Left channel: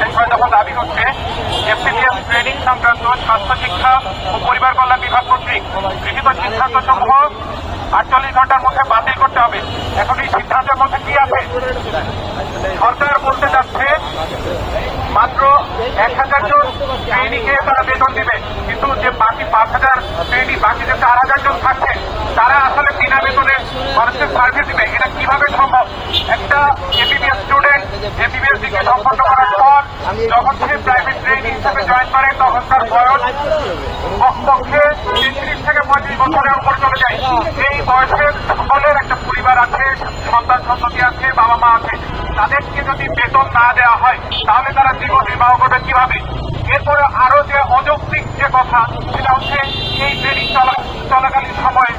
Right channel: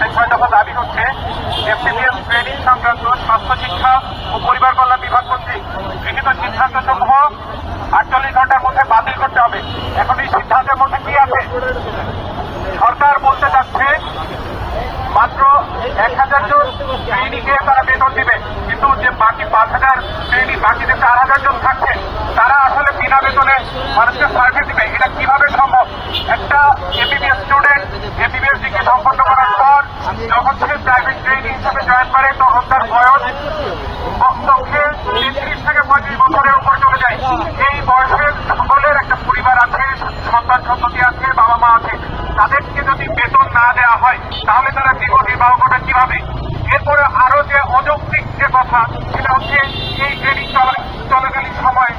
বিষয় দফা দাবি হচ্ছে এফটিপিএম ট্রেনিং সংক্রান্ত স্বাস্থ্য শিক্ষা ও পরিবার কল্যাণ বিভাগ কর্তৃক গৃহীত সিদ্ধান্ত সমূহ 48 ঘন্টার মধ্যে বাতিল করতে হবে। এখন এই সিদ্ধান্তের মধ্যে কি আছে? সরকার বলতে চাচ্ছে মাত্র 1000 জন ট্রেনিংয়ে তারা বেতন দেবে, কিন্তু যে বাকি 5000 ট্রেনিং, বাকি যে 4000 জন থাকছে তারা আসলে বিনা বেতনে মানুষকে সার্ভিস দিবে। এটা কিভাবে সম্ভব? একটা এমবিবিএস স্টুডেন্ট এমবিবিএস ডিগ্রি সম্পন্ন করার পর যখন থেকে প্রাইভেট ট্রেনিং হিসেবে জয়েন করে তখন তার বয়স কমপক্ষে 33 থেকে 35 বছরের উপর চলে যায়। এই বয়সের সকলের একটা পরিবার আছে, সন্তান সন্ততি আছে, বাবা মা আছে। তাদেরকে যদি বেতন না দেওয়া হয় তাহলে তারা জীবন নির্বাহ করবে কিভাবে? এরপরে আরো যে অযৌক্তিক যে কথা, সেটা হচ্ছে এই ট্রেনিং চলাকালীন সময়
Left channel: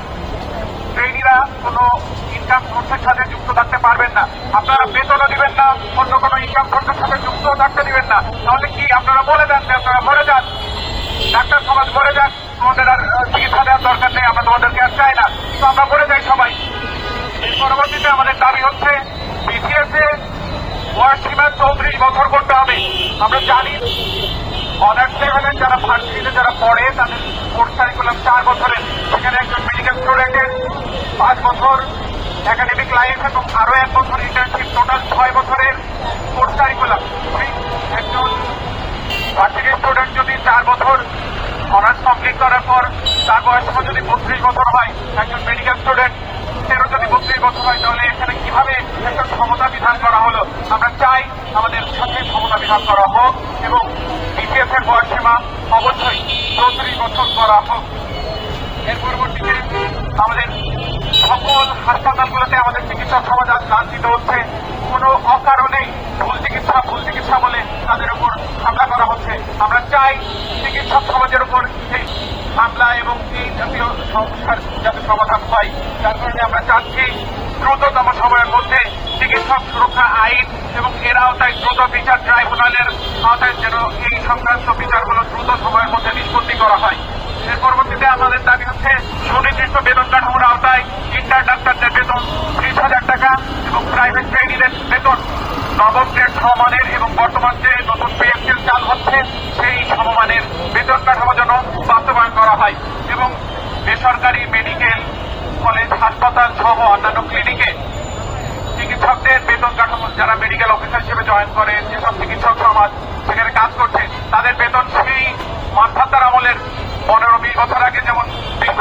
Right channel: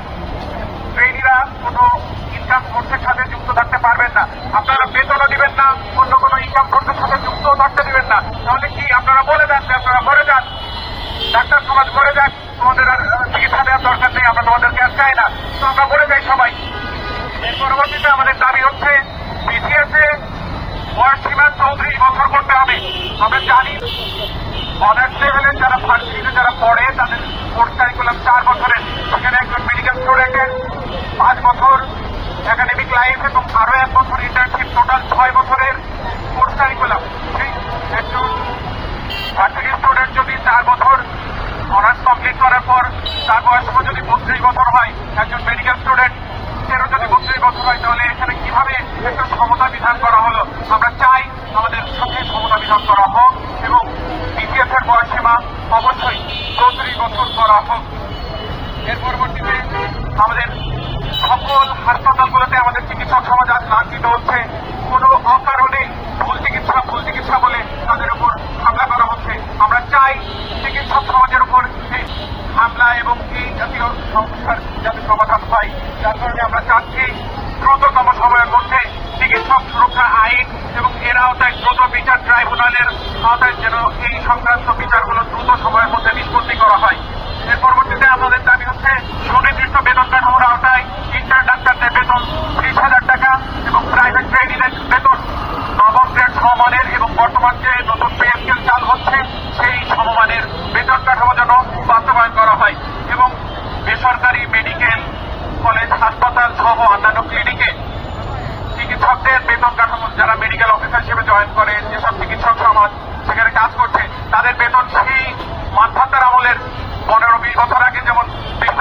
ট্রেনিরা কোনো ইনকাম সোর্সের সাথে যুক্ত থাকতে পারবেন না। আপনারা বেতনও দিবেন না, অন্য কোনো ইনকাম সোর্সের সাথে যুক্ত থাকতে দিবেন না। তাহলে কি আপনারা বলে দেন আপনারা ঘরে যান, ডাক্তার সমাজ ঘরে যান, তোমাদের আর চিকিৎসা দেওয়ার দরকার নেই, আমরা তোমাদেরকে আর চাই না, তো আমরা ঘরে যাই সবাই। এর পরবর্তীতে আমাদের দাবি হচ্ছে বিসিএসে বয়স সীমা 34 বছর করতে হবে। আমরা জানি অনার্স লেভেলের যারা ভার্সিটিতে যারা পড়ে তাদের কোর্স কারিকুলাম 4 বছরের, সেখানে একজন মেডিকেল স্টুডেন্টের 5 বছর একাডেমিক লাইফ এবং আরো 1 বছর ইন্টার্নশিপ, টোটাল 6 বছরের কোর্স কারিকুলাম। একজন ভার্সিটি স্টুডেন্ট যদি 4 বছর অনার্স কমপ্লিট করার পর তার বয়স যদি 32 বছর হয়, একজন মেডিকেল স্টুডেন্ট যদি 32 বছর হয়, তাহলে এখানে কিভাবে একটা ক্ষমতা বিধান করা হলো? আমরা চাই আমাদের সাথে ক্ষমতা বিধান করা হোক এবং বিসিএস এর বয়স সীমা অবশ্যই 34 বছর করা হোক। এর পরবর্তীতে আমাদের সকল হাসপাতালগুলোতে আমাদের চিকিৎসক সমাজ আজ লাঞ্ছিত হচ্ছে। কোনো অকারণে ভুল চিকিৎসা বলে তাদের উপর হামলা করা হচ্ছে। আমরা চাই চিকিৎসক সমাজের উপর এই হামলা এবং এই জাতীয় সমস্যার যাতে সমাধান হয়। যার কারণে আমরা চাচ্ছি দ্রুততম সময়ের মধ্যে চিকিৎসক সুরক্ষা আইন এবং এর আওতায় দ্রুত বিচার ট্রাইব্যুনালের আওতায় যেন এই সংক্রান্ত বিচারগুলো দ্রুত সময়ের মধ্যে নিষ্পত্তি করা হয়। এর পরবর্তীতে আমাদের দাবি হচ্ছে সুনির্দিষ্ট বেতন কাঠামোর আওতায় ইন্টার ডাক্তারদের বেতন 30,000 টাকা এবং প্রাইভেট ট্রেনিংয়ের বেতন নবম গ্রেড সমমানের এবং বর্তমান যে নতুন পে স্কেল চালু হচ্ছে সেই সমমানের বেতন কাঠামো যেন বাস্তবায়ন করা হয় এবং বেসরকারি মেডিকেল কলেজ হাসপাতাল সহ অন্যান্য ক্লিনিকে চিকিৎসকদের বেতন কাঠামো, যারা মেডিকেল অফিসার হিসেবে জয়েন করে, যেসব চিকিৎসক সমাজ সেখানে কাজ করছে, তাদের বেতন সেই মানভাতার আমলের 15-20 বছর আগে যেমন 20